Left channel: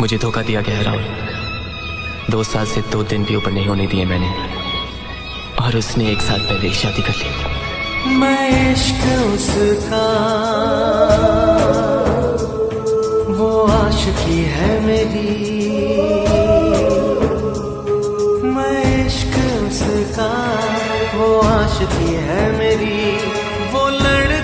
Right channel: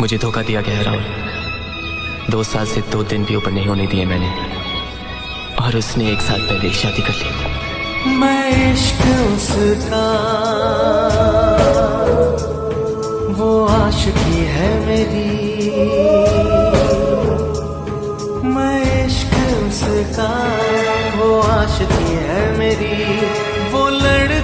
मुझे धोखा दिया गया है राहुल। 2 साल से 2 दिन भी ऊपर नहीं होने दिए मैंने, और उसने 1 साल पहले शादी कर ली। मैं इश्क उसका, वो आशिकी है मेरी। मैं इश्क उसका, वो आशिकी है मेरी। वो लड़